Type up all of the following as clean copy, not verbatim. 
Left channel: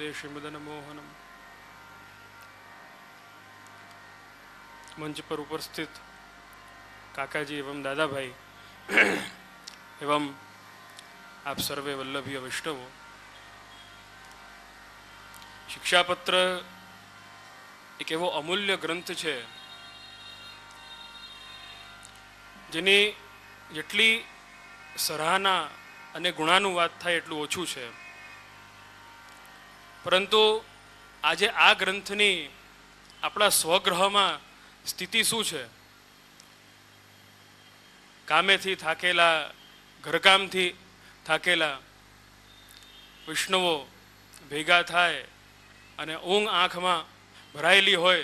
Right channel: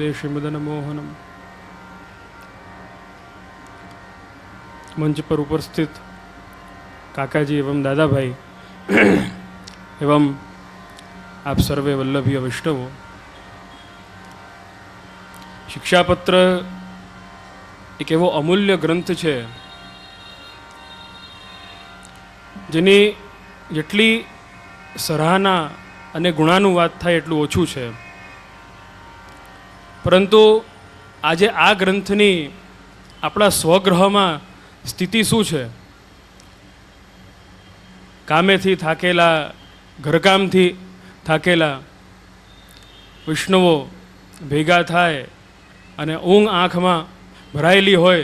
वंदे श्रीमदनमोहनम। मंच पर उपस्थित काकाजी एवं दादा भाई एवं आप सर्वे वल्लभीय वैष्णवों, शिक्षापत्र एक एवो अमूल्य ग्रंथ है जेनी जेटली सराहना अने गुणानुवाद थाय एटલું ઓછું છે। परंतु आजे आ ग्रंथनी आपणा स्वगृहमां स्थिति शुं छे? कामेथी थाकेला, घरकामथी थाकेला वैष्णवो भेगा थाय अने ऊँघ आँखमां भरायेली होय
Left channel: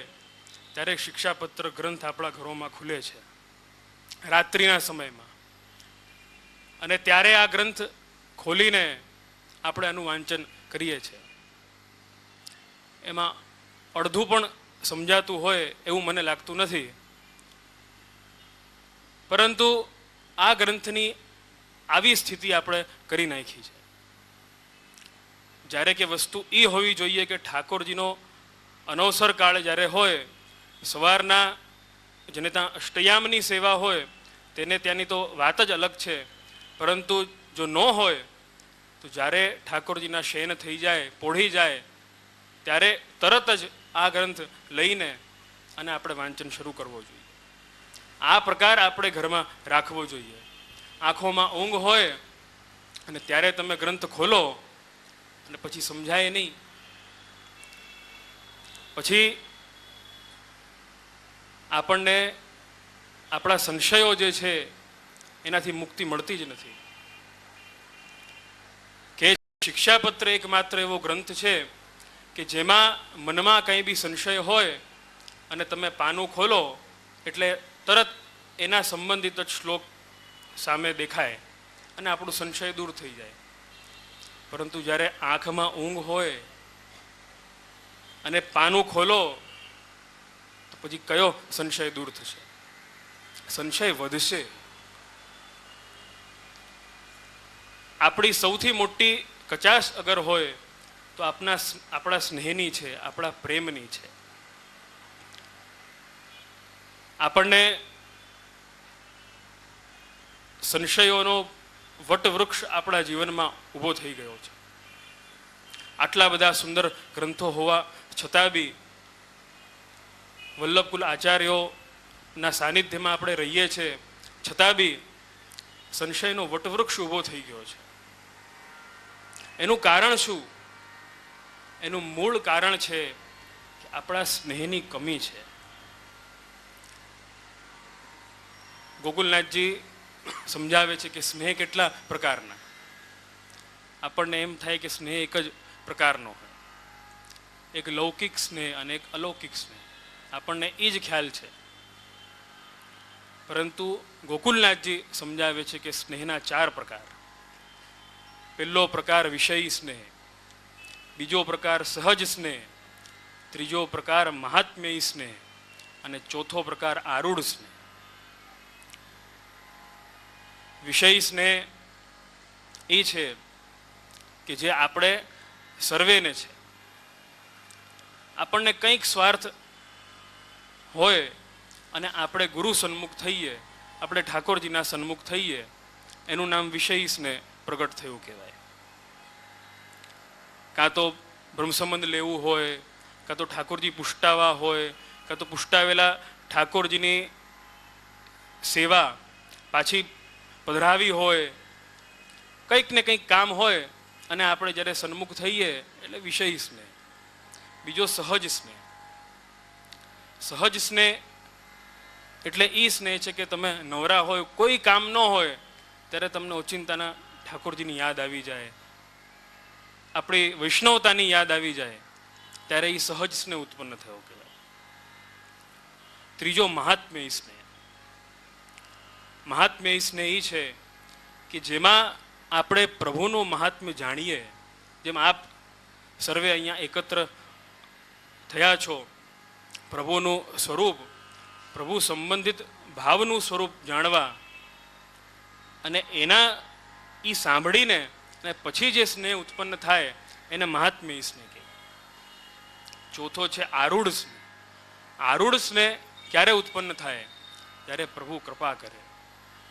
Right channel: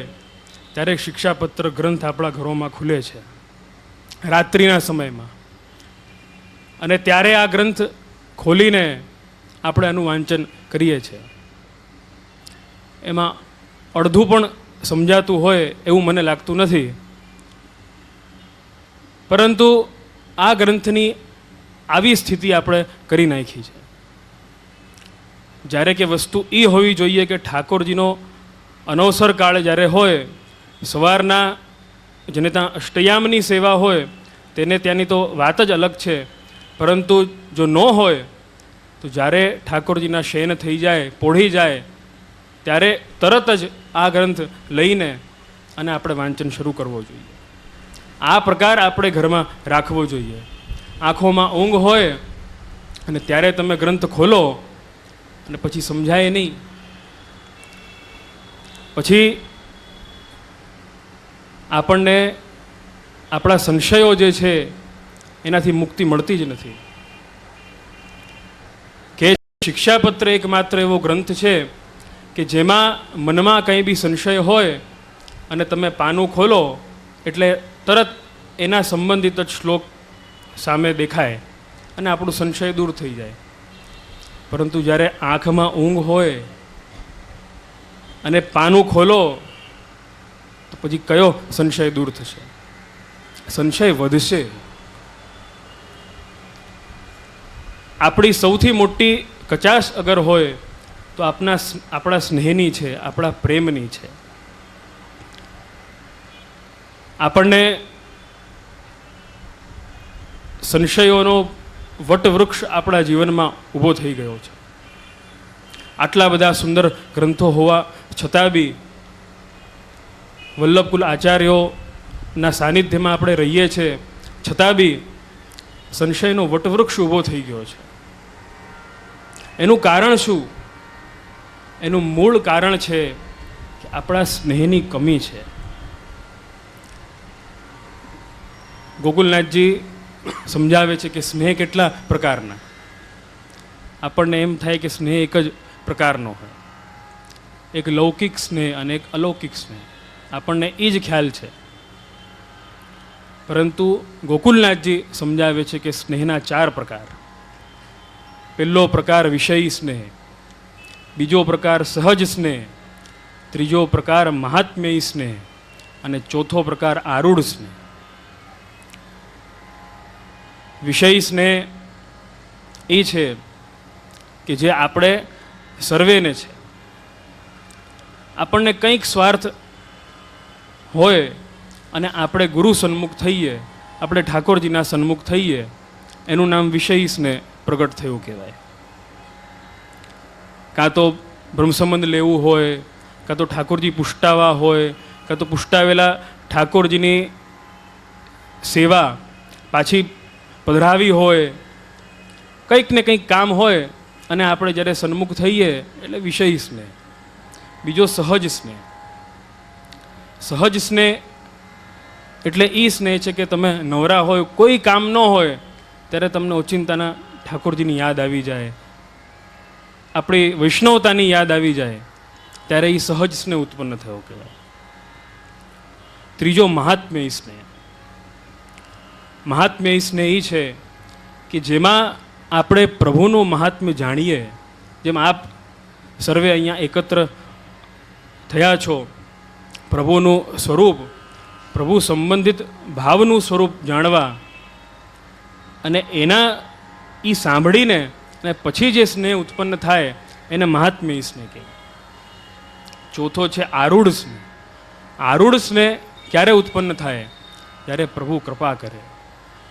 त्यारे शिक्षापत्र ग्रंथ आपणा घरोमां खुले छे रात्रिना समयमां, अने त्यारे आ ग्रंथ खोलीने आपणे आनुं वांचन करीए छे। एमां अर्धुं पण समजातुं होय एवुं मने लागतुं नथी, परंतु आ ग्रंथनी आवी स्थिति आपणे करी नाखी छे ज्यारे के वस्तु ई होवी जोईए के ठाकोरजीनो अनवसर काळ ज्यारे होय, सवाરના जेने त्यां अष्टयामनी सेवा होय तेने त्यानी तो वात ज अलग छे, परंतु जो न होय तो ज्यारे ठाकोरजीना शयन थई जाय, पोढ़ी जाय त्यारे तरत ज आ ग्रंथ लईने अने आपणे वांचन शरू करवो जोईए। आ प्रकार आपणे घरमां राखवो जोईए। आँखोमां ऊँघ होय अने त्यारे तमे ग्रंथ खोलो अने पछी समजाय नहीं, पछी आपणने आपणा संशयो जे छे एनाथी मुक्ति मळती ज नथी। के शिक्षापत्र एकमात्र एवो ग्रंथ छे कि जेमां मनमा कंई बी संशय होय अने तमे पानुं खोलो एटले तरत एना संबंधित ज श्लोक सामे देखाय अने आपणुं संशय दूर थई जाय। परंतु ज्यारे आँखमां ऊँघ होय अने पानुं खोलो तो पछी कयो संशय दूर थशे? संशय वधशे। आपणी सौथी मोटी कचाश अगर होय तो आपणा स्नेहनी छे, आपणा प्रेमनी छे। आपणने संशयोनो वटवृक्ष आपणा जीवनमां ऊभो थई गयो छे। आटला बधा सुंदर ग्रंथो होवा छतां बी वल्लभकुल आचार्योना सानिध्यमां आपणे रहीए छे छतां बी संशयनो वटवृक्ष ऊभो थई गयो छे। एनुं कारण शुं? एनुं मूळ कारण छे कि आपणा स्नेहनी कमी छे। गोकुलनाथजी समझावे छे कि स्नेह केटला प्रकारना। आपणने एम थाय कि स्नेह एक ज प्रकारनो होय, एक लौकिक स्नेह अने एक अलौकिक स्नेह। आपणने ई ज ख्याल छे, परंतु गोकुलनाथजी समझावे छे कि स्नेहना 4 प्रकार। पहलो प्रकार विषयी स्नेह, बीजो प्रकार सहज स्नेह, त्रीजो प्रकार महात्म्ययी स्नेह अने चौथो प्रकार आरूढ़ स्नेह। विषयी स्नेह ए छे कि जे आपणे सर्वेने छे। आपणने कंईक स्वार्थ होय अने आपणे गुरु सन्मुख थईए, आपणे ठाकोरजीना सन्मुख थईए, एनुं नाम विषयी स्नेह प्रगट थयुं कहेवाय। कां तो ब्रह्मसंबंध लेवुं होय, कां तो ठाकोरजी पुष्टावा होय, कां तो पुष्टावेला ठाकोरजीनी सेवा पाછી पधरावी होय, कंईक ने कंईक काम होय अने आपणे ज्यारे सन्मुख थईए एटले विषयी स्नेह। बीजो सहज स्नेह। सहज स्नेह एटले ई स्नेह छे कि तमे नवरा होय, कोई काम न होय त्यारे तमने ओचिंताना ठाकोरजीनी याद आवी जाए, आपणी वैष्णवतानी याद आवी जाए त्यारे ई सहज स्नेह उत्पन्न थयो कहेवाय। त्रीजो महात्म्ययी स्नेह। महात्म्ययी स्नेह ई छे कि जेमां आपणे प्रभुनुं महात्म्य जाणीए। जेम आप सर्वे अहींया एकत्र थया छो, प्रभुनुं स्वरूप, प्रभु संबंधित भावनुं स्वरूप जाणवा अने एना ई सांभळीने અને પછી જે સ્નેહ ઉત્પન્ન થાય એને મહાત્મ્ય સ્નેહ કહે. ચોથો છે આરૂઢ સ્નેહ. આરૂઢ સ્નેહ ક્યારે ઉત્પન્ન થાય? જ્યારે પ્રભુ કૃપા કરે.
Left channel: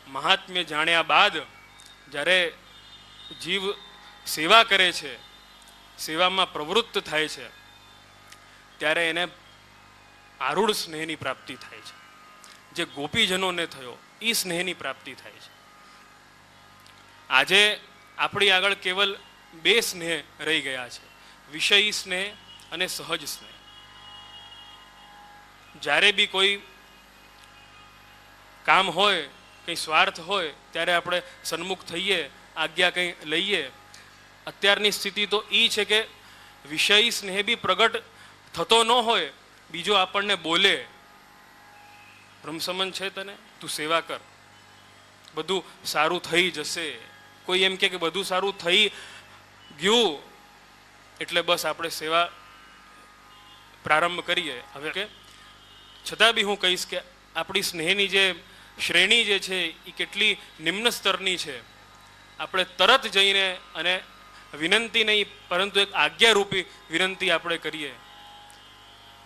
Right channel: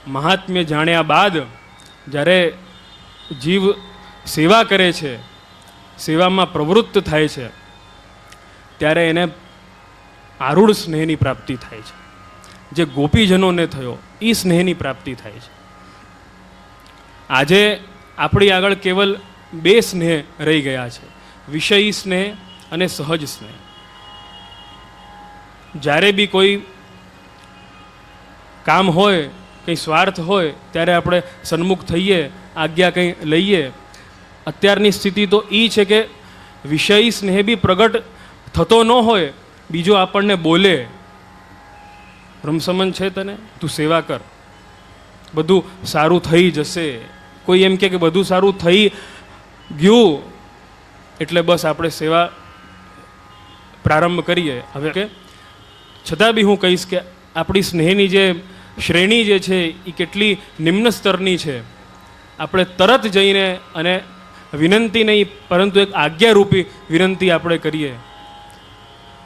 મહાત્મ્ય જાણ્યા બાદ જ્યારે જીવ સેવા કરે છે, સેવામાં પ્રવૃત્ત થાય છે, ત્યારે એને આરૂઢ સ્નેહની પ્રાપ્તિ થાય છે. જે ગોપીજનોને થયો એ સ્નેહની પ્રાપ્તિ થાય છે. આજે આપણી આગળ કેવલ બે સ્નેહ રહી ગયા છે, વિષયી સ્નેહ અને સહજ સ્નેહ. જ્યારે બી કોઈ કામ હોય, કંઈ સ્વાર્થ હોય, ત્યારે આપણે સન્મુખ થઈએ, આજ્ઞા કંઈ લઈએ. અત્યારની સ્થિતિ તો એ છે કે વિષયી સ્નેહ બી પ્રગટ થતો ન હોય, બીજો આપણને બોલે, બ્રહ્મસમન છે તને, તું સેવા કર, બધું સારું થઈ જશે. કોઈ એમ કે બધું સારું થઈ ગયું એટલે બસ આપણે સેવા પ્રારંભ કરીએ. હવે કે છતાં બી હું કહીશ કે આપણી સ્નેહની જે શ્રેણી જે છે એ કેટલી નિમ્ન સ્તરની છે. આપણે તરત જઈને અને વિનંતી નહીં પરંતુ એક આજ્ઞારૂપી વિનંતી આપણે કરીએ,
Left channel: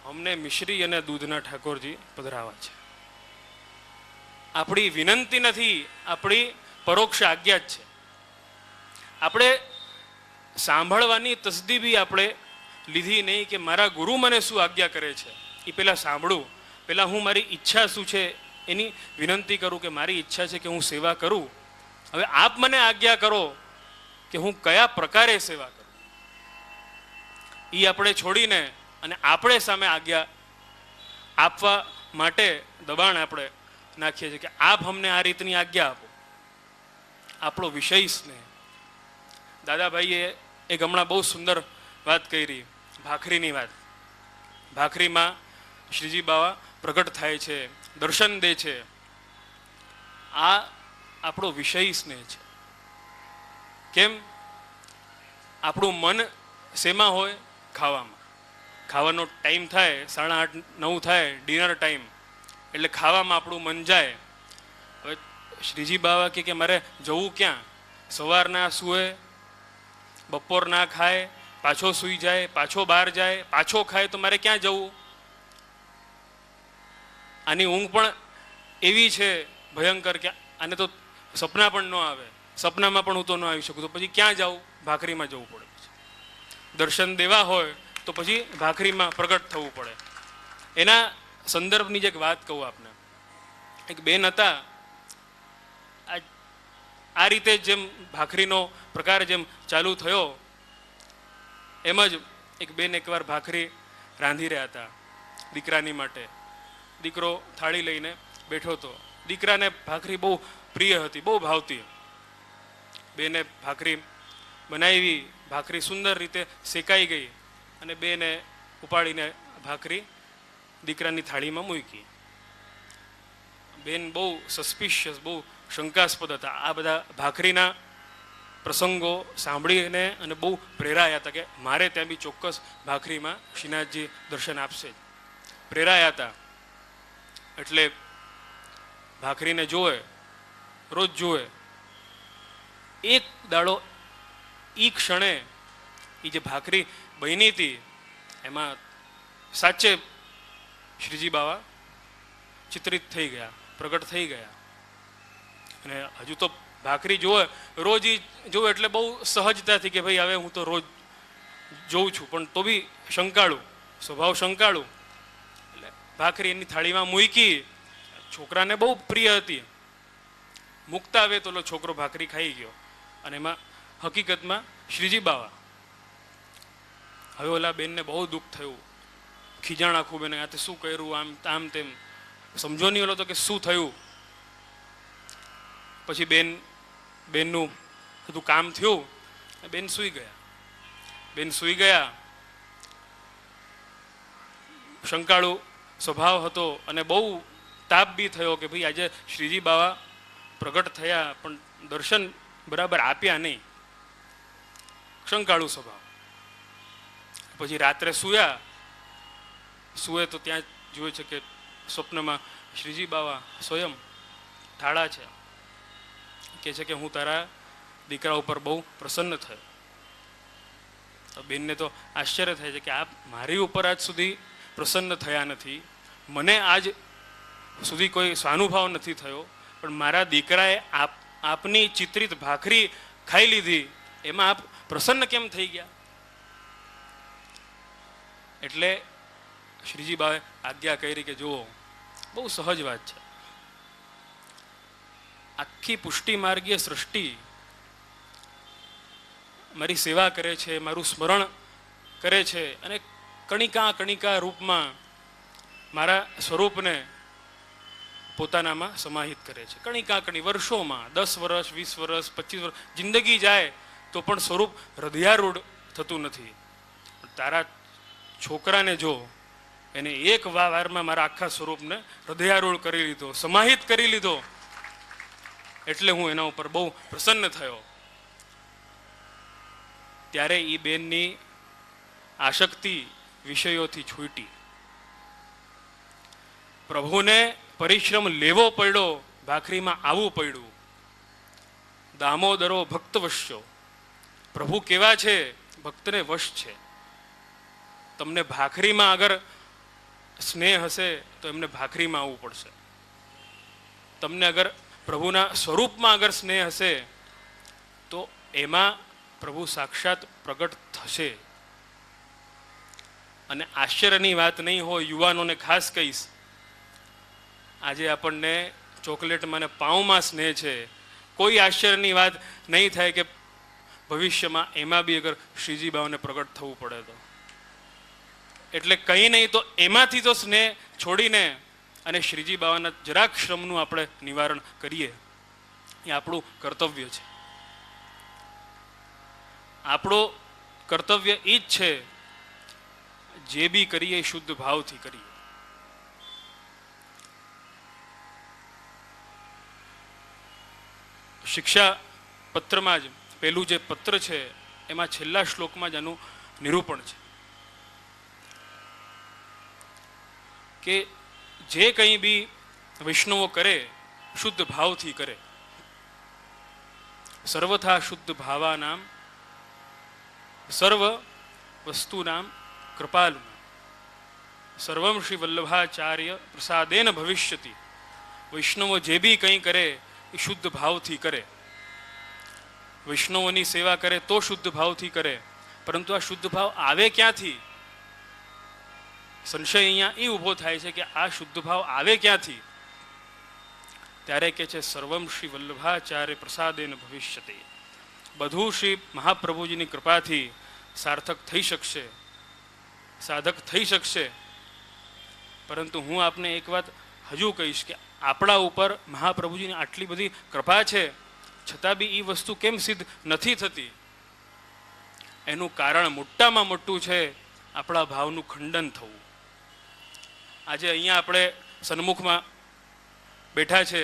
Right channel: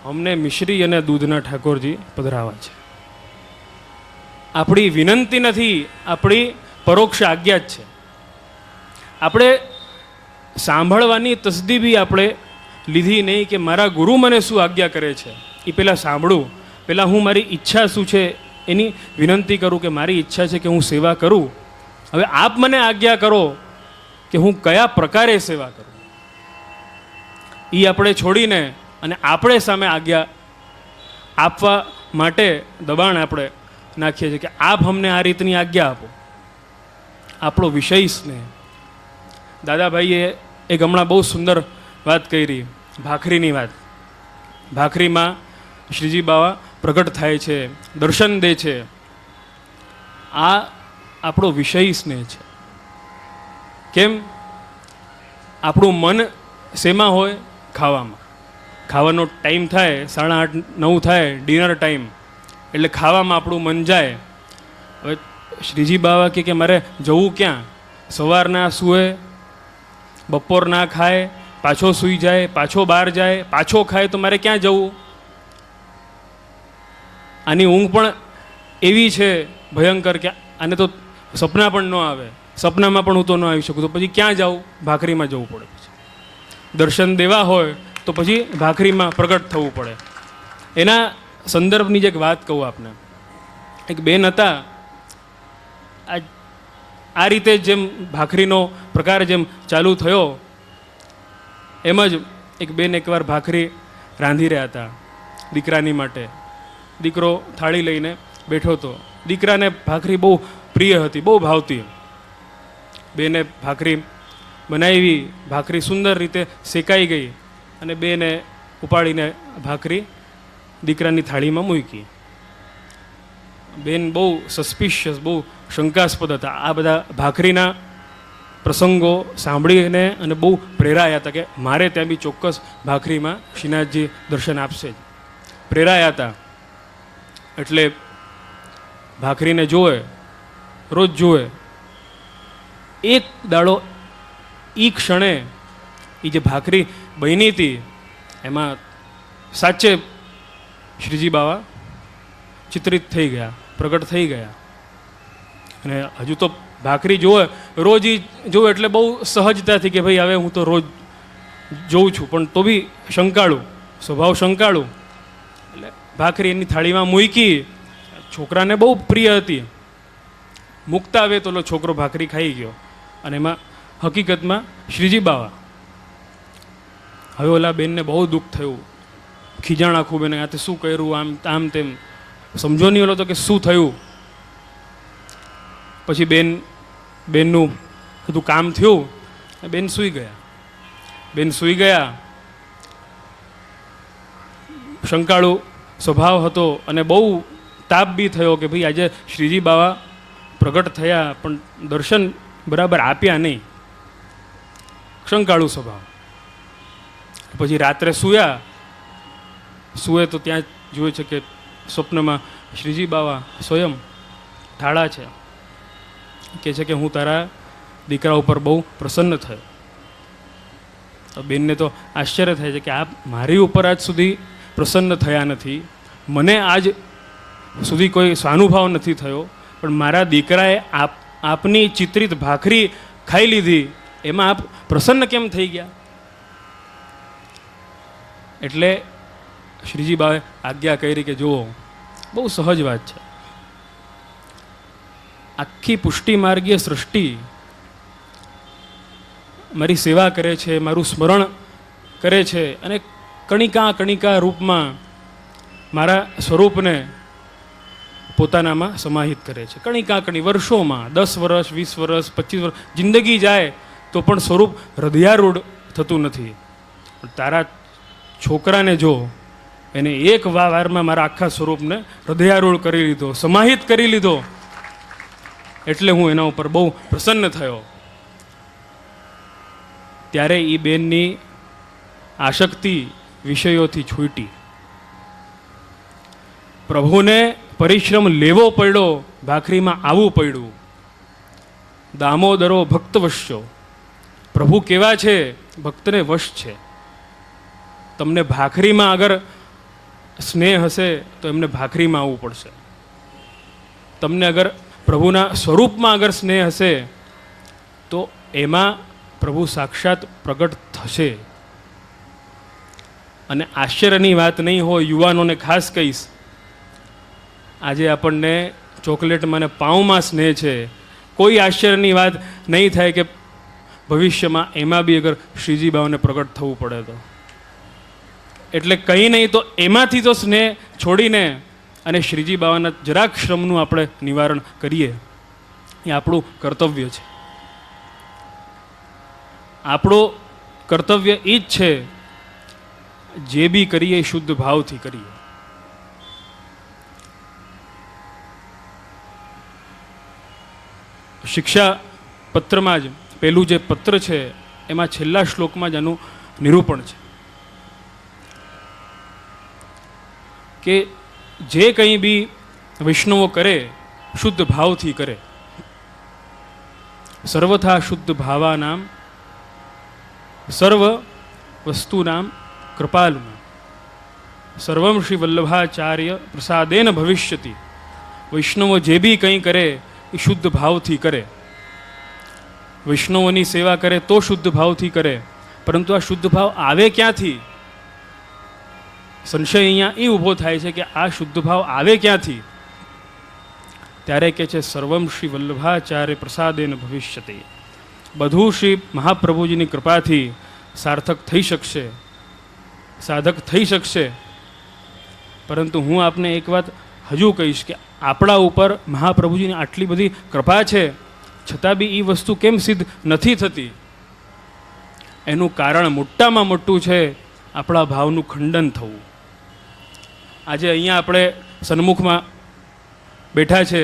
અમને મિશ્રી અને દૂધના ઠાકોરજી પધરાવા છે. આપણી વિનંતી નથી, આપણી પરોક્ષ આજ્ઞા જ છે. આપણે સાંભળવાની તસદી બી આપણે લીધી નહીં કે મારા ગુરુ મને શું આજ્ઞા કરે છે, એ પહેલાં સાંભળું. પહેલાં હું મારી ઈચ્છા શું છે એની વિનંતી કરું કે મારી ઈચ્છા છે કે હું સેવા કરું. હવે આપ મને આજ્ઞા કરો કે હું કયા પ્રકારે સેવા કરું. એ આપણે છોડીને અને આપણે સામે આજ્ઞા આપવા માટે દબાણ આપણે નાખીએ છીએ કે આપ અમને આ રીતની આજ્ઞા આપો. આપણો વિષય સ્નેહ. દાદાભાઈએ એક હમણાં બહુ સુંદર વાત કરી, ભાખરીની વાત. ભાખરીમાં શ્રીજી બાવા પ્રગટ થાય છે, દર્શન દે છે. આ આપણો વિષય સ્નેહ છે. કેમ? આપણું મન શેમાં હોય? ખાવામાં. ખાવાનો ટાઈમ થાય, 8:30-9 થાય, ડિનર ટાઈમ, એટલે ખાવામાં આપણું મન જાય. હવે શ્રીજી બાવા કે મારે જવું ક્યાં? સવારના સૂએ, બપોર ના ખાય, પાછો સૂઈ જાય, પાછો બહાર જાય, પાછો ખાય, તો મારે ક્યાં જવું? આની ઊંઘ પણ એવી છે ભયંકર કે આને તો સપના પણ ન આવે. સપનામાં પણ હું તો ન આવી શકું, તો પછી ક્યાં જાઉં? ભાખરીમાં જવું પડે. પછી દર્શન દેવા હોય તો પછી ભાખરીમાં પ્રગટ થવું પડે. એના સંદર્ભની જે એક વાત કહું આપને. એક બેન હતા, આ રીતે જેમ ભાખરીનો પ્રકાર જેમ ચાલુ થયો એમ જ એક બેન એકવાર ભાખરી રાંધી રહ્યા હતા દીકરાની માટે. દીકરો થાળી લઈને બેઠો હતો. દીકરાને ભાખરી બહુ પ્રિય હતી, બહુ ભાવતી. બેને ભાખરી બનાવી, ભાખરી સુંદર રીતે શેકાઈ ગઈ અને બેને ઉપાડીને ભાખરી દીકરાની થાળીમાં મૂકી. બેન બહુ સસ્પિશિયસ, બહુ શંકાસ્પદ હતા. આ બધા ભાખરીના પ્રસંગો સાંભળીને અને બહુ પ્રેરાયા હતા કે મારે ત્યાં બી ચોક્કસ ભાખરીમાં શ્રીનાથજી દર્શન આપશે જ. પ્રેરાયા હતા. એટલે ભાખરીને જોવે, રોજ જોવે. એક દાડો એ ક્ષણે એ જે ભાખરી બની હતી એમાં સાચે શ્રીજી બાવા ચિત્રિત થઈ ગયા, પ્રગટ થઈ ગયા. અને હજુ તો ભાખરી જોવે, રોજ એ જોવે એટલે બહુ સહજતાથી કે ભાઈ હવે હું તો રોજ જોઉં છું, પણ તો બી શંકાળું, સ્વભાવ શંકાળું. એટલે ભાખરી એની થાળીમાં મૂકી. છોકરાને બહુ પ્રિય હતી. મૂકતા આવે તો છોકરો ભાખરી ખાઈ ગયો. અને એમાં હકીકતમાં શ્રીજી બાવા. હવે ઓલા બેનને બહુ દુઃખ થયું, ખીજાણા ખૂબ. એને આ શું કર્યું, આમ તેમ સમજો નહીં ઓલો તો કે શું થયું. પછી બેનનું બધું કામ થયું, બેન સૂઈ ગયા. બેન સૂઈ ગયા. શંકાળુ સ્વભાવ હતો અને બહુ તાપ બી થયો કે ભાઈ આજે શ્રીજી બાવા પ્રગટ થયા પણ દર્શન બરાબર આપ્યા નહીં. શંકાળુ સ્વભાવ. પછી રાત્રે સૂએ તો ત્યાં જુએ છે કે સ્વપ્નમાં શ્રીજી બાવા સ્વયં ઠાળા છે. કહે છે કે હું તારા દીકરા ઉપર બહુ પ્રસન્ન થયો. તો બેનને તો આશ્ચર્ય થાય છે કે આપ મારી ઉપર આજ સુધી પ્રસન્ન થયા નથી, મને આજ સુધી કોઈ સ્વાનુભાવ નથી થયો, પણ મારા દીકરાએ આપની ચિત્રિત ભાખરી ખાઈ લીધી, એમાં આપ પ્રસન્ન કેમ થઈ ગયા? એટલે શ્રીજી બાએ આજ્ઞા કરી કે જુઓ, બહુ સહજ વાત છે. આખી પુષ્ટિ માર્ગીય સૃષ્ટિ મારી સેવા કરે છે, મારું સ્મરણ કરે છે, અને કણિકા કણિકા રૂપમાં મારા સ્વરૂપને પોતાનામાં સમાહિત કરે છે. કણિકા કણી વર્ષોમાં 10 વર્ષ, 20 વર્ષ, 25 વર્ષ જિંદગી જાય તો પણ સ્વરૂપ હૃદયારૂઢ થતું નથી. તારા છોકરાને જો, એને એક વારમાં મારા આખા સ્વરૂપને હૃદયારૂઢ કરી લીધો, સમાહિત કરી લીધો, એટલે હું એના ઉપર બહુ પ્રસન્ન થયો. ત્યારે એ બેનની આસક્તિ વિષયોથી છૂટી. પ્રભુને પરિશ્રમ લેવો પડ્યો, ભાખરીમાં આવવું પડ્યું. દામોદરો ભક્ત વશ્યો. પ્રભુ કેવા છે? ભક્તને વશ છે. તમને ભાખરીમાં અગર સ્નેહ હશે તો એમને ભાખરીમાં આવવું પડશે. તમને અગર પ્રભુના સ્વરૂપમાં અગર સ્નેહ હશે તો એમાં પ્રભુ સાક્ષાત પ્રગટ થશે. અને આશ્ચર્યની વાત નહીં હોય, યુવાનોને ખાસ કહીશ, આજે આપણને ચોકલેટમાં ને પાઉંમાં સ્નેહ છે, કોઈ આશ્ચર્યની વાત નહીં થાય કે ભવિષ્યમાં એમાં બી અગર શ્રીજી બાઓને પ્રગટ થવું પડે તો. એટલે કંઈ નહીં તો એમાંથી તો સ્નેહ છોડીને અને શ્રીજી બાવાના જરાક શ્રમનું આપણે નિવારણ કરીએ, એ આપણું કર્તવ્ય છે. આપણું કર્તવ્ય એ જ છે, જે બી કરીએ શુદ્ધ ભાવથી કરીએ. શિક્ષા પત્રમાં જ પહેલું જે પત્ર છે એમાં છેલ્લા શ્લોકમાં જ આનું નિરૂપણ છે કે જે કંઈ બી વૈષ્ણવો કરે શુદ્ધ ભાવથી કરે. સર્વથા શુદ્ધ ભાવાનામ સર્વ વસ્તુનામ કૃપાલુનામ સર્વમ શ્રી વલ્લભાચાર્ય પ્રસાદેન ભવિષ્યતિ. વૈષ્ણવો જે બી કંઈ કરે એ શુદ્ધ ભાવથી કરે. વૈષ્ણવોની સેવા કરે તો શુદ્ધ ભાવથી કરે, પરંતુ આ શુદ્ધ ભાવ આવે ક્યાંથી? સંશય અહીંયા એ ઊભો થાય છે કે આ શુદ્ધ ભાવ આવે ક્યાંથી? ત્યારે કે છે સર્વમ શ્રી વલ્લભાચાર્ય પ્રસાદેન ભવિષ્યતિ. બધું શ્રી મહાપ્રભુજીની કૃપાથી સાર્થક થઈ શકશે, સાધક થઈ શકશે. પરંતુ હું આપને એક વાત હજુ કહીશ કે આપણા ઉપર મહાપ્રભુજીની આટલી બધી કૃપા છે, છતાં બી એ વસ્તુ કેમ સિદ્ધ નથી થતી? એનું કારણ મોટામાં મોટું છે આપણા ભાવનું ખંડન થવું. આજે અહીંયા આપણે સન્મુખમાં બેઠા છે,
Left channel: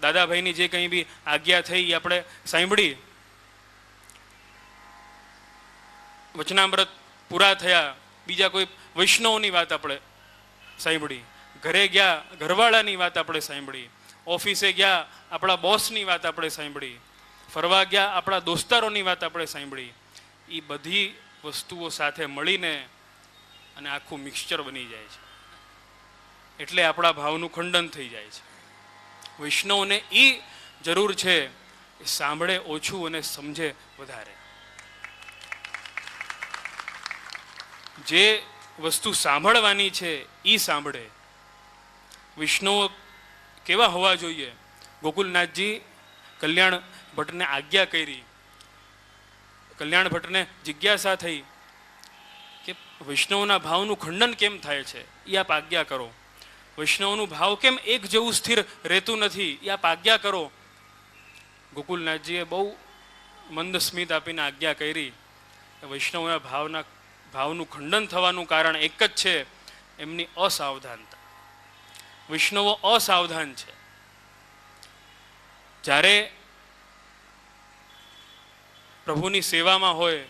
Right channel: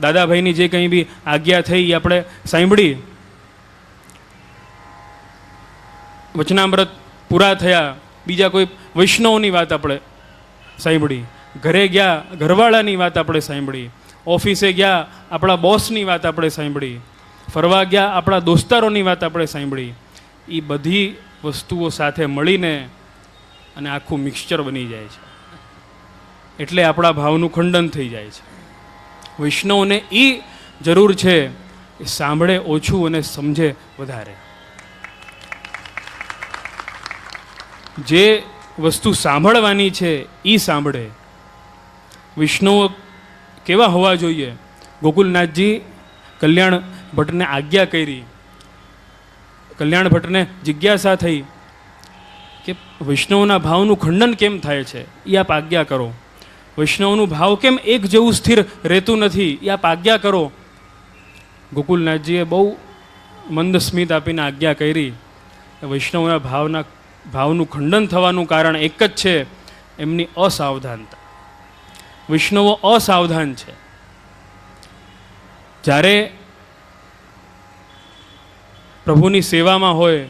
દાદાભાઈની જે કંઈ બી આજ્ઞા થઈ એ આપણે સાંભળી, વચનામૃત પૂરા થયા, બીજા કોઈ વૈષ્ણવની વાત આપણે સાંભળી, ઘરે ગયા ઘરવાળાની વાત આપણે સાંભળી, ઓફિસે ગયા આપણા બોસની વાત આપણે સાંભળી, ફરવા ગયા આપણા દોસ્તારોની વાત આપણે સાંભળી. એ બધી વસ્તુઓ સાથે મળીને અને આખું મિક્સચર બની જાય છે, એટલે આપણા ભાવનું ખંડન થઈ જાય છે. વૈષ્ણવને એ જરૂર છે એ સાંભળે ઓછું અને સમજે વધારે. જે વસ્તુ સાંભળવાની છે એ સાંભળે. વૈષ્ણવ કેવા હોવા જોઈએ? ગોકુલનાથજી કલ્યાણ ભટ્ટને આજ્ઞા કરી. કલ્યાણ ભટ્ટને જિજ્ઞાસા થઈ કે વૈષ્ણવના ભાવનું ખંડન કેમ થાય છે, એ આપ આજ્ઞા કરો. વૈષ્ણવનું ભાવ કેમ એક જેવું સ્થિર રહેતું નથી, એ આપ આજ્ઞા કરો. ગોકુલનાથજીએ બહુ મંદ સ્મિત આપીને આજ્ઞા કરી. વૈષ્ણવના ભાવનું ખંડન થવાનું કારણ એક જ છે, એમની અસાવધાનતા. વૈષ્ણવો અસાવધાન છે. જ્યારે પ્રભુની સેવામાં હોય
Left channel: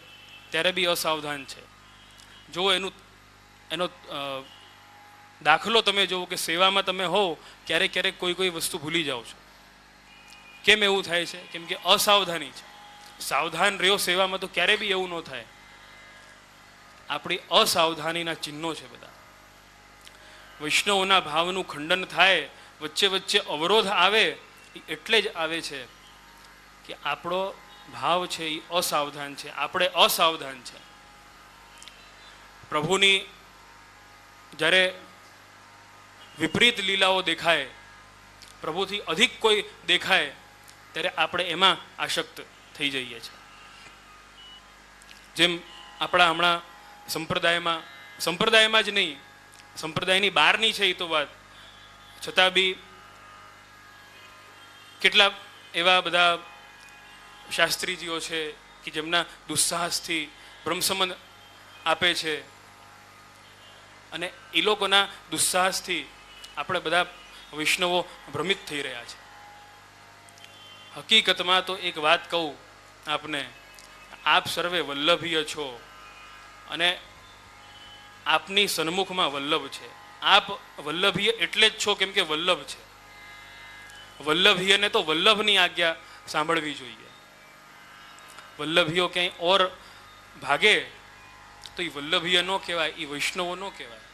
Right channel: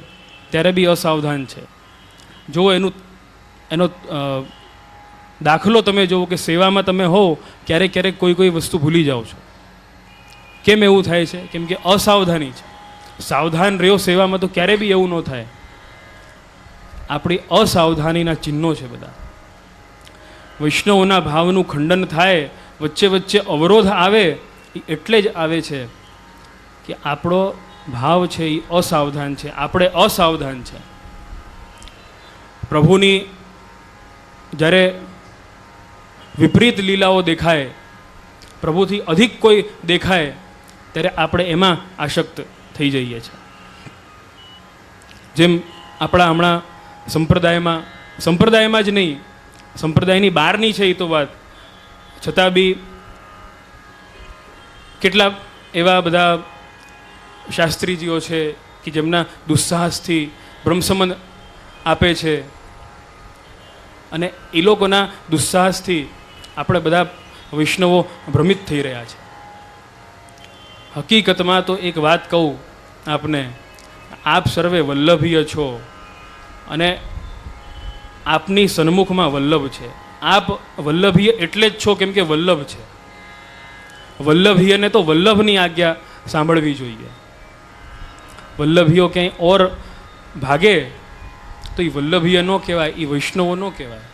ત્યારે બી અસાવધાન છે. જો એનો દાખલો તમે જુઓ કે સેવામાં તમે હો ક્યારેક ક્યારેક કોઈ વસ્તુ ભૂલી જાઓ છો. કેમ એવું થાય છે? કેમ કે અસાવધાની છે. સાવધાન રહ્યો સેવામાં તો ક્યારે બી એવું ન થાય. આપણી અસાવધાનીના ચિહ્નો છે બધા. વૈષ્ણવોના ભાવનું ખંડન થાય, વચ્ચે વચ્ચે અવરોધ આવે, એ એટલે જ આવે છે કે આપણો ભાવ છે એ અસાવધાન છે, આપણે અસાવધાન છે. પ્રભુની જ્યારે વિપરીત લીલાઓ દેખાય, પ્રભુથી અધિક કોઈ દેખાય, ત્યારે આપણે એમાં આસક્ત થઈ જઈએ છીએ. જેમ આપણા હમણાં સંપ્રદાયમાં જ નહીં, સંપ્રદાયની બહારની છે એ તો વાત, છતાં બી કેટલા એવા બધા શાસ્ત્રીજીઓ છે કે જેમના દુસ્સાહસથી બ્રહ્મસંબંધ આપે છે, અને એ લોકોના દુસ્સાહસથી આપણે બધા વૈષ્ણવો ભ્રમિત થઈ રહ્યા છે. હકીકતમાં તો એક વાત કહું આપને, આપ સર્વે વલ્લભીય છો અને આપની સન્મુખમાં વલ્લભ છે. આપ વલ્લભીય એટલે જ છો કેમ કે વલ્લભ છે. વલ્લભીયને તો વલ્લભની આજ્ઞા સાંભળવી જોઈએ. વલ્લભીઓ ક્યાંય ઓર ભાગે તો એ વલ્લભીય ન કહેવાય, એ વૈષ્ણવો ન કહેવાય.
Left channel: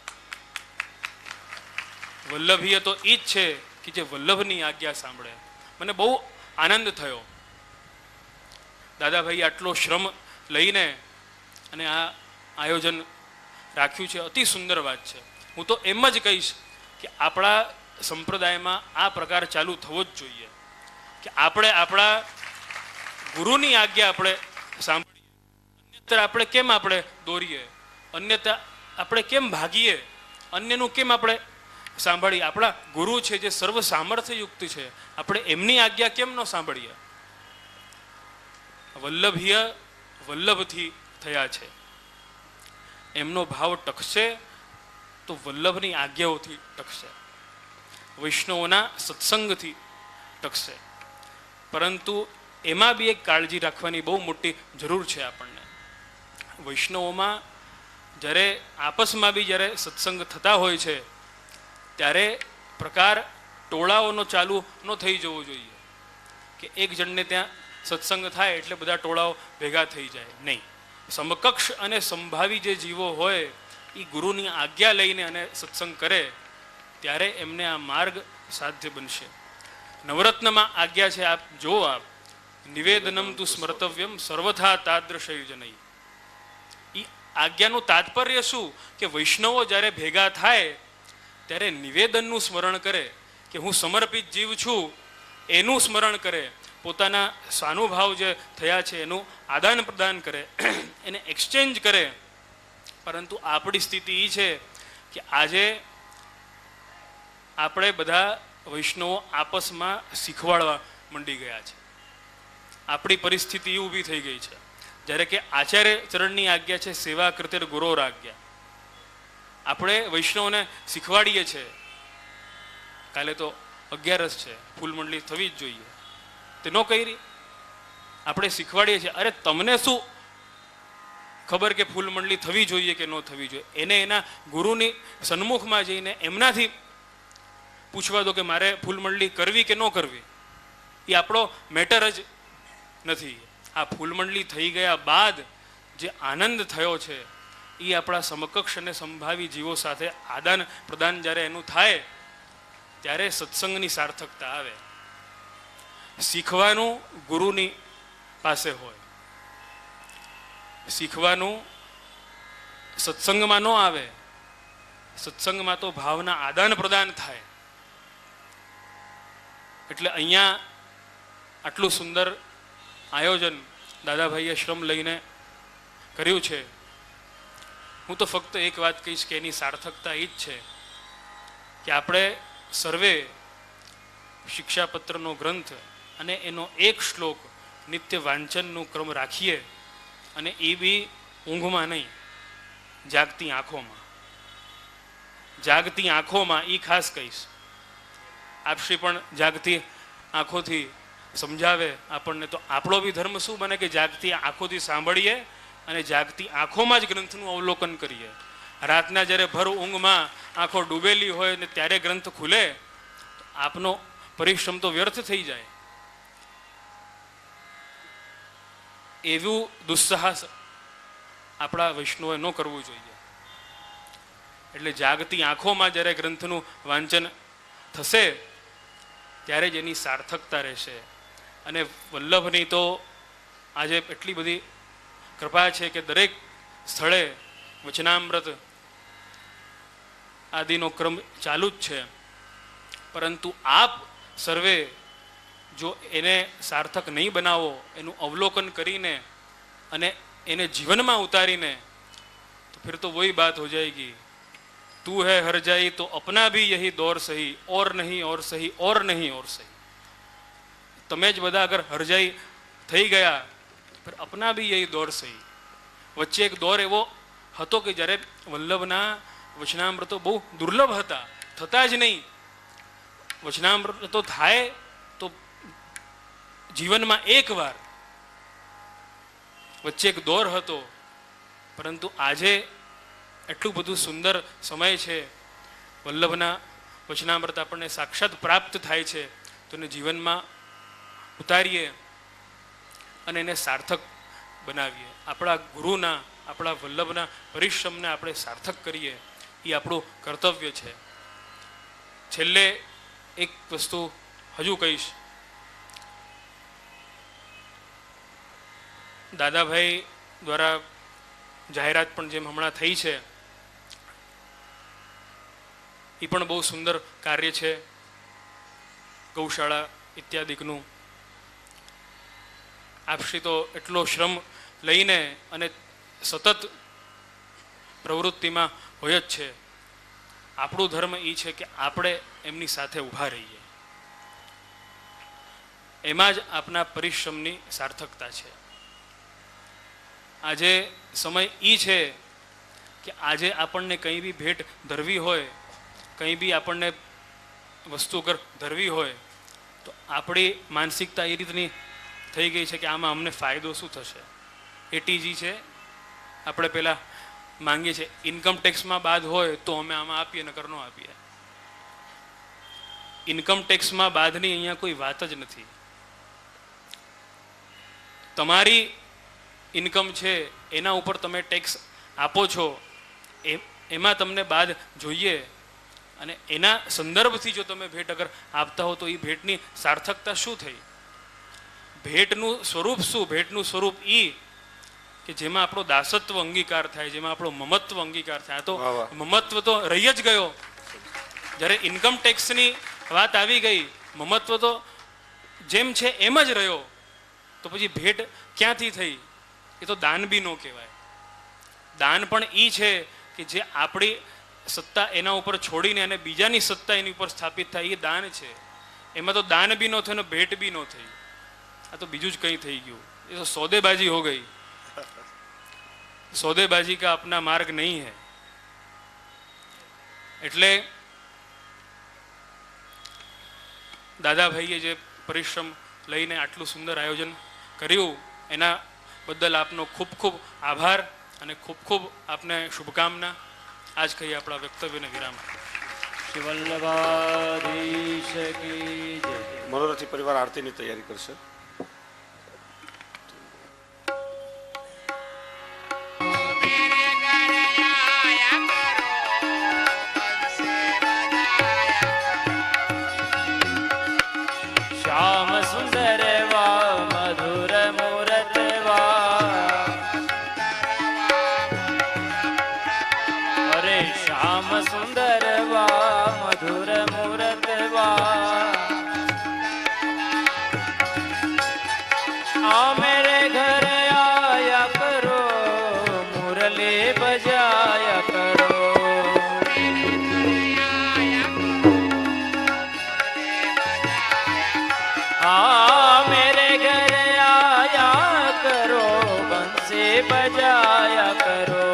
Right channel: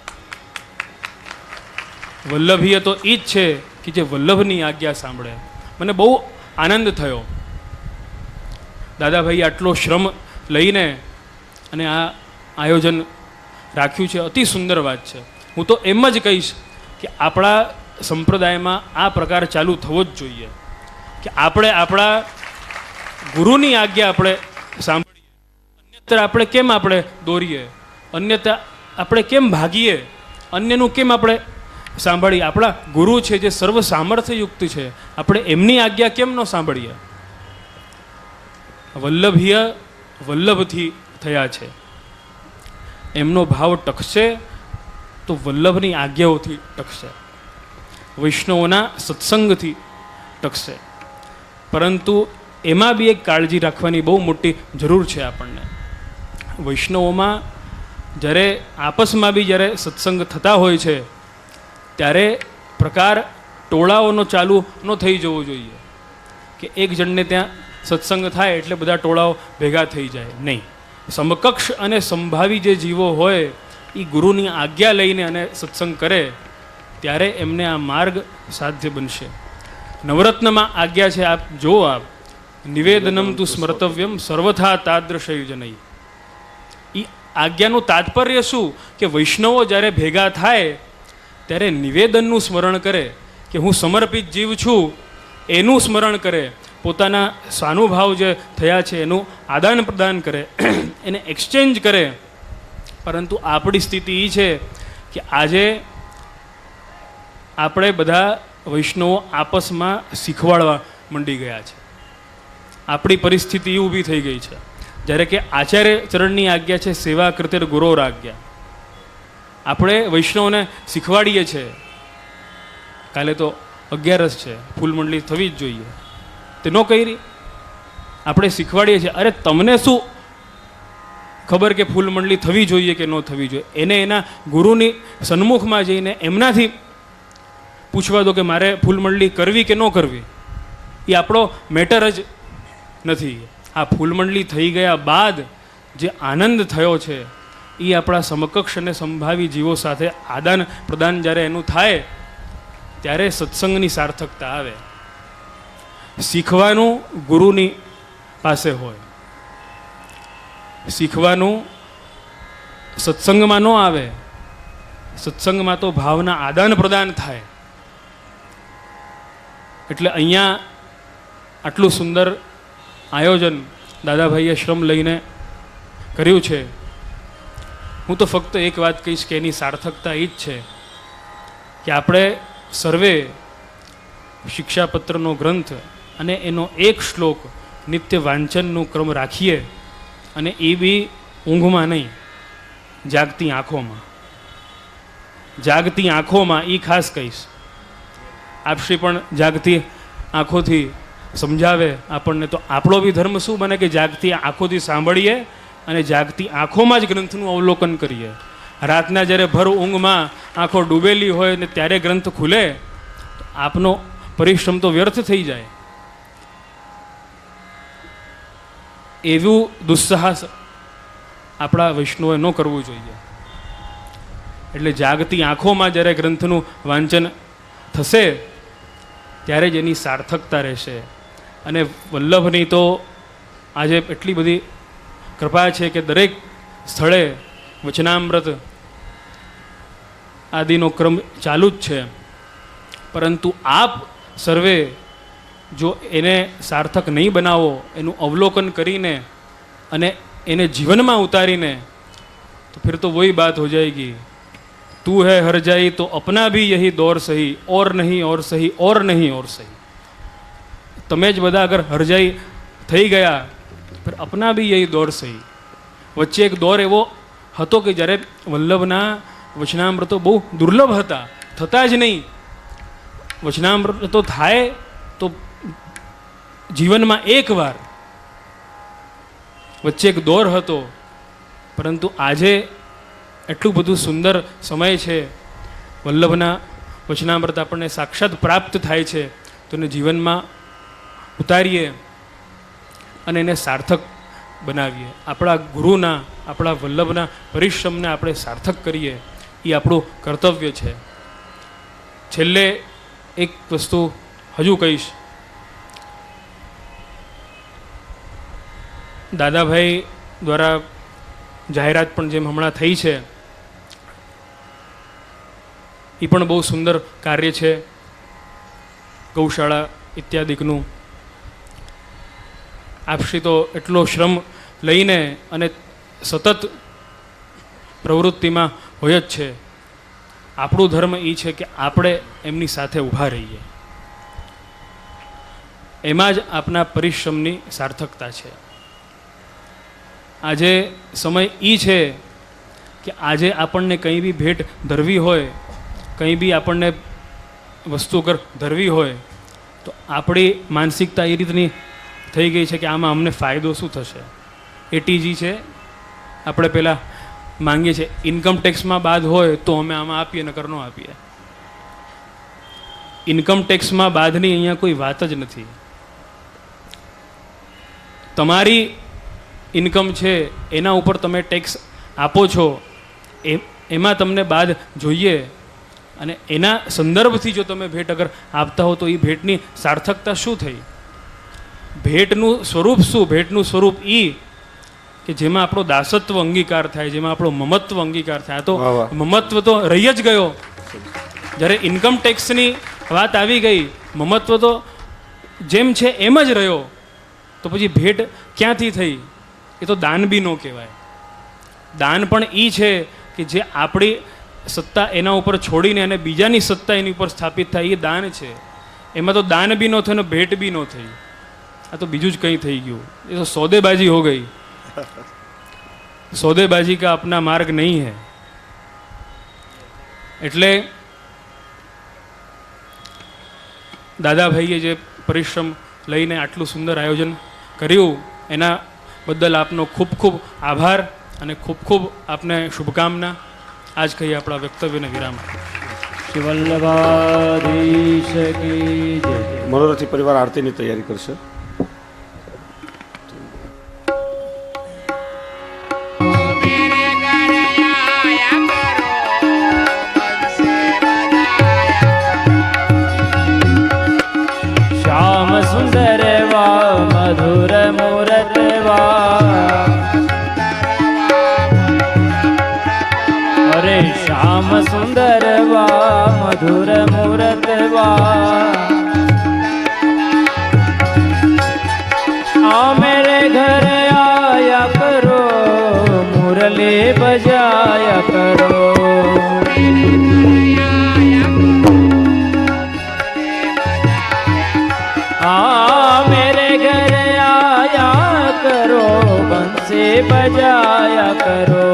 વલ્લભીય તો એ જ છે કે જે વલ્લભની આજ્ઞા સાંભળે. મને બહુ આનંદ થયો, દાદાભાઈ આટલો શ્રમ લઈને અને આ આયોજન રાખ્યું છે, અતિ સુંદર વાત છે. હું તો એમ જ કહીશ કે આપણા સંપ્રદાયમાં આ પ્રકાર ચાલુ થવો જ જોઈએ કે આપણે આપણા ગુરુની આજ્ઞા આપણે સાંભળીએ, અન્યત્ર આપણે કેમ આપણે દોરીએ, અન્યત્ર આપણે કેમ ભાગીએ, અન્યનું કેમ આપણે સાંભળીએ. આપણા ગુરુ છે જે સર્વ સામર્થ્યયુક્ત છે, આપણે એમની આજ્ઞા કેમ ન સાંભળીએ. વલ્લભીય વલ્લભથી થયા છે, એમનો ભાવ ટકશે તો વલ્લભની આજ્ઞાઓથી ટકશે, વૈષ્ણવોના સત્સંગથી ટકશે. પરંતુ એમાં બી એક કાળજી રાખવાની બહુ મોટી જરૂર છે આપણને. વૈષ્ણવોમાં જ્યારે આપસમાં બી જ્યારે સત્સંગ થતા હોય છે ત્યારે પ્રકાર ટોળાઓનો ચાલુ ન થઈ જવો જોઈએ કે એક જણને ત્યાં સત્સંગ થાય એટલે બધા ટોળાઓ ભેગા થઈ જાય. નહીં, સમકક્ષ અને સંભાવી જે જીવો હોય એ ગુરુની આજ્ઞા લઈને અને સત્સંગ કરે ત્યારે એમને આ માર્ગ સાધ્ય બનશે. નવરત્નમાં આજ્ઞા છે, આપ જુઓ, આપ નિવેદનમ તું સ્મર્તવ્યમ સર્વથા તાદૃશયુજનૈ. એ આજ્ઞાનું તાત્પર્ય શું કે વૈષ્ણવો જ્યારે ભેગા થાય ત્યારે નિવેદનનું સ્મરણ કરે કે હું સમર્પિત જીવ છું, એનું સ્મરણ કરે, પોતાના સ્વાનુભાવ જે થયા છે એનું આદાન પ્રદાન કરે, એને એક્સચેન્જ કરે. પરંતુ આપણી સ્થિતિ એ છે કે આજે આપણે બધા વૈષ્ણવો આપસમાં શીખવાડવા મંડી ગયા છે. આપણી પરિસ્થિતિ એ ઊભી થઈ ગઈ છે જ્યારે કે આચાર્ય ચરણની આજ્ઞા છે સેવા કૃતે ગુરોર આજ્ઞા. આપણે વૈષ્ણવને શીખવાડીએ છીએ, કાલે તો 11 છે, ફૂલમંડલી થવી જ જોઈએ, તે ન કરી. આપણે શીખવાડીએ છીએ, અરે તમને શું ખબર કે ફૂલમંડલી થવી જોઈએ કે ન થવી જોઈએ. એને એના ગુરુની સન્મુખમાં જઈને એમનાથી પૂછવા દો કે મારે ફૂલમંડલી કરવી કે ન કરવી. એ આપણો મેટર જ નથી. આ ફૂલમંડલી થઈ ગયા બાદ જે આનંદ થયો છે એ આપણા સમકક્ષ અને સંભાવી જીવો સાથે આદાન પ્રદાન જ્યારે એનું થાય ત્યારે સત્સંગની સાર્થકતા આવે. શીખવાનું ગુરુની પાસે હોય, શીખવાનું સત્સંગમાં ન આવે. સત્સંગમાં તો ભાવના આદાન પ્રદાન થાય. એટલે અહીંયા આટલું સુંદર આયોજન દાદાભાઈએ શ્રમ લઈને કર્યું છે. હું તો ફક્ત એક વાત કહીશ કે એની સાર્થકતા એ જ છે કે આપણે સર્વે શિક્ષાપત્રનો ગ્રંથ અને એનો એક શ્લોક નિત્ય વાંચનનું ક્રમ રાખીએ, અને એ બી ઊંઘમાં નહીં, જાગતી આંખોમાં. જાગતી આંખોમાં એ ખાસ કહીશ. આપશ્રી પણ જાગતી આંખોથી સમજાવે આપણને, તો આપણો બી ધર્મ શું બને કે જાગતી આંખોથી સાંભળીએ અને જાગતી આંખોમાં જ ગ્રંથનું અવલોકન કરીએ. રાતના જ્યારે ભર ઊંઘમાં આંખો ડૂબેલી હોય ને ત્યારે ગ્રંથ ખુલે તો આપનો પરિશ્રમ તો વ્યર્થ થઈ જાય. એવું દુસ્સાહસ આપણા વૈષ્ણવે ન કરવું જોઈએ. એટલે જાગતી આંખોમાં જ્યારે ગ્રંથનું વાંચન થશે ત્યારે જ એની સાર્થકતા રહેશે. અને વલ્લભની તો આજે એટલી બધી કૃપા છે કે દરેક સ્થળે વચનામૃત આદિનો ક્રમ ચાલુ જ છે. પરંતુ આપ સર્વે જો એને સાર્થક નહીં બનાવો, એનું અવલોકન કરીને અને એને જીવનમાં ઉતારીને, તો फिर तो वही बात हो जाएगी, तू है हर जाई तो अपना भी यही दौर सही, और नहीं और सही, और नहीं और सही. તમે જ બધા અગર હરજાઈ થઈ ગયા તો અપના બી યહી દોર સહી. વચ્ચે એક દોર એવો હતો કે જ્યારે વલ્લભના વચનામૃતો બહુ દુર્લભ હતા, થતા જ નહીં. વચનામૃતો થાય તો જીવનમાં એકવાર. વચ્ચે એક દોર હતો. પરંતુ આજે એટલું બધું સુંદર સમય છે, વલ્લભના વચનામૃત આપણને સાક્ષાત પ્રાપ્ત થાય છે. તો એને જીવનમાં ઉતારીએ અને એને સાર્થક બનાવીએ. આપણા ગુરુના, આપણા વલ્લભના પરિશ્રમને આપણે સાર્થક કરીએ, એ આપણું કર્તવ્ય છે. છેલ્લે એક વસ્તુ હજુ કહીશ. દાદાભાઈ દ્વારા જાહેરાત પણ જેમ હમણાં થઈ છે, એ પણ બહુ સુંદર કાર્ય છે, ગૌશાળા ઇત્યાદિકનું. આપશ્રી તો એટલો શ્રમ લઈને અને સતત પ્રવૃત્તિમાં હોય જ છે. આપણું ધર્મ એ છે કે આપણે એમની સાથે ઊભા રહીએ. એમાં જ આપના પરિશ્રમની સાર્થકતા છે. આજે સમય એ છે કે આજે આપણને કંઈ બી ભેટ ધરવી હોય, કંઈ બી આપણને વસ્તુ અગર ધરવી હોય, તો આપણી માનસિકતા એ રીતની થઈ ગઈ છે કે આમાં અમને ફાયદો શું થશે. એટીજી છે, આપણે પહેલાં માંગીએ છીએ ઇન્કમ ટેક્સમાં બાદ હોય તો અમે આમાં આપીએ, નકર ન આપીએ. ઇન્કમ ટેક્સમાં બાદની અહીંયા કોઈ વાત જ નથી. તમારી ઇન્કમ છે એના ઉપર તમે ટેક્સ આપો છો, એમાં તમને બાદ જોઈએ. અને એના સંદર્ભથી જો તમે ભેટ અગર આપતા હો તો એ ભેટની સાર્થકતા શું થઈ? ભેટનું સ્વરૂપ શું? ભેટનું સ્વરૂપ એ કે જેમાં આપણો દાસત્વ અંગીકાર થાય, જેમાં આપણો મમત્વ અંગીકાર થાય. તો મમત્વ તો રહી જ ગયો. જ્યારે ઇન્કમ ટેક્સની વાત આવી ગઈ, મમત્વ તો જેમ છે એમ જ રહ્યો. તો પછી ભેટ ક્યાંથી થઈ? એ તો દાન બી ન કહેવાય. દાન પણ એ છે કે જે આપણી સત્તા એના ઉપર છોડીને અને બીજાની સત્તા એની ઉપર સ્થાપિત થાય, એ દાન છે. એમાં તો દાન બી ન થયું ને ભેટ બી ન થઈ. આ તો બીજું જ કંઈ થઈ ગયું. એ તો सौदेबाजी हो गई. सौदेबाजी का अपना मार्ग नहीं है. એટલે દાદાભાઈએ જે પરિશ્રમ લઈને આટલું સુંદર આયોજન કર્યું એના બદલ આપનો ખૂબ ખૂબ આભાર અને ખૂબ ખૂબ આપને શુભકામના. આજ કહીએ આપણા વક્તવ્યને વિરામ. શ્રી વલ્લભાધીશ કી જય. મનોરથી પરિવાર આરતીની તૈયારી કરશે. શ્યામ સુંદર વા મધુર મૂરત વા, અરે શ્યામ સુંદર વા મધુર મૂરત વા, આ મેરે ઘર આયા કરો, મુરલી બજાયા કરો. आ मेरे घर आया करो, बंसी बजाया करो.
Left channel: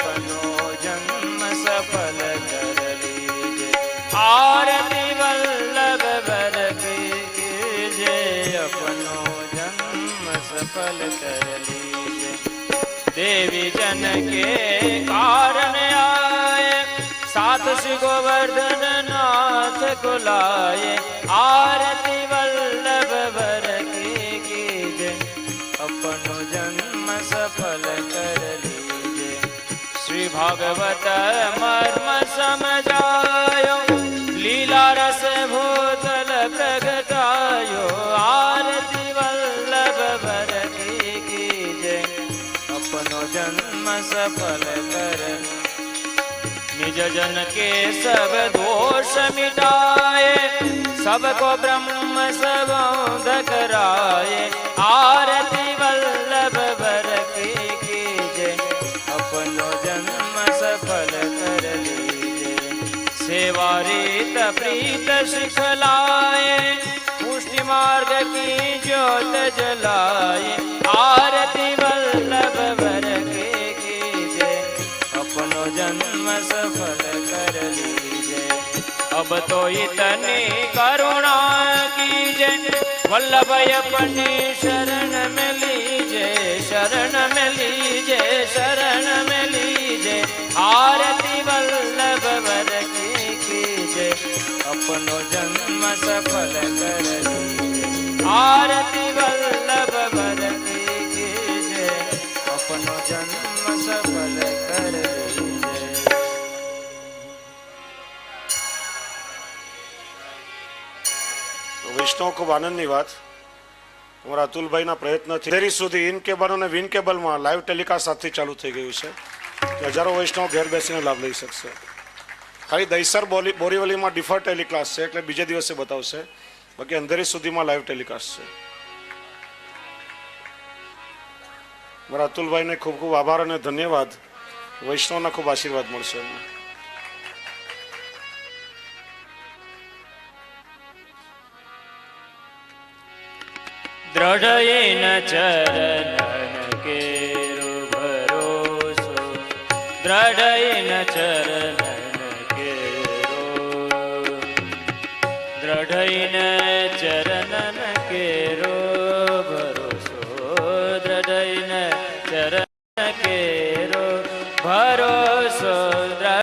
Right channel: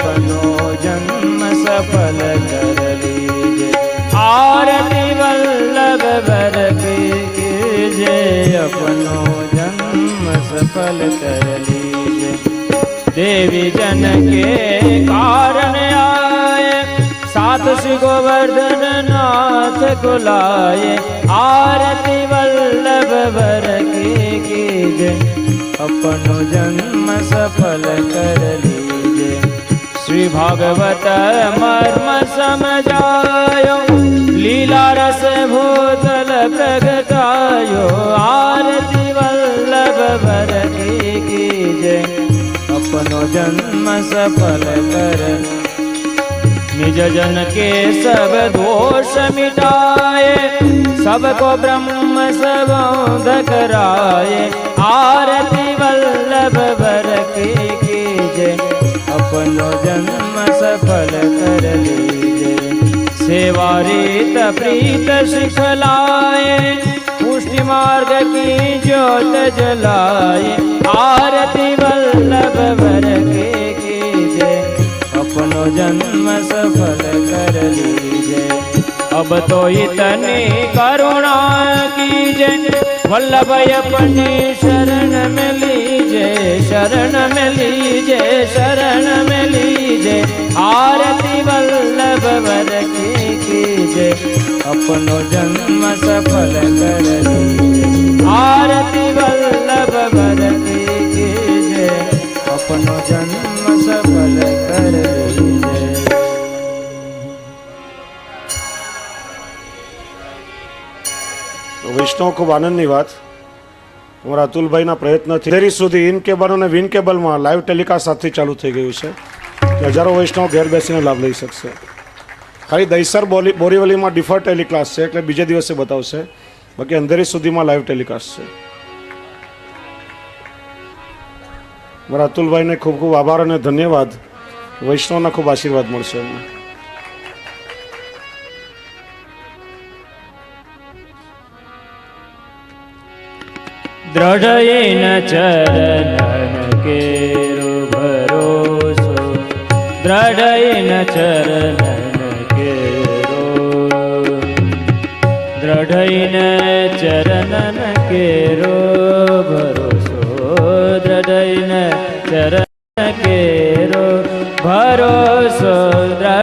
अपनो जन्म सफल कर लीजे। आरती वल्लभ वर कीजे, अपनो जन्म सफल कर लीजे। देवी जन के कारण आए, साथ श्री गोवर्धन नाथ को लाए। आरती वल्लभ वर की कीजे, अपनो जन्म सफल कर लीजे। श्री भागवत मर्म समझायो, लीला रस भूतल प्रगटायो। आरती वल्लभ वर की कीजे, अपनो जन्म सफल कर। निज जन के सब दोष मिटाए, सबको ब्रह्म सबोध कराए। आरती वल्लभ वर की कीजे, अपनो जन्म सफल कर लीजे। सेवा रीत प्रीत सिखलाए, पुष्टि मार्ग की ज्योत जलाए। आरती वल्लभ वर की कीजे, अपनो जन्म सफल कर लीजे। अब तो इतनी करुणा कीजे, वल्लभ अपनी शरण में लीजे। शरण में लीजे, शरण में लीजे। आरती वल्लभ वर की कीजे, अपनो जन्म सफल कर लीजे। आरती वल्लभ वर की कीजे, अपनो जन्म सफल कर लीजे। તો વૈષ્ણવ ખૂબ આનંદની વાત, અમારા અતુલભાઈના પ્રયત્નથી અંધેરી સુધી ઇન કેબલ અને વિન કેબલમાં લાઈવ ટેલિકાસ્ટ આજથી ચાલુ થઈ ગયું છે, કે હજારો વૈષ્ણવ ઘેર બેસીને લાભ લઈ શકશે. ખાલી દહીસર બોરીવલીમાં ડિફર ટેલિકાસ્ટ છે, એટલે બીજે દિવસે બતાવશે, બાકી અંધેરી સુધીમાં લાઈવ ટેલિકાસ્ટ છે. મારા અતુલભાઈને ખૂબ ખૂબ આભાર અને ધન્યવાદ. વૈષ્ણવના ખૂબ આશીર્વાદ મળશે અમને. दृढ़येन चरणन केरो भरोसो, दृढ़येन चरणन केरो, दृढ़येन चरणन केरो भरोसो।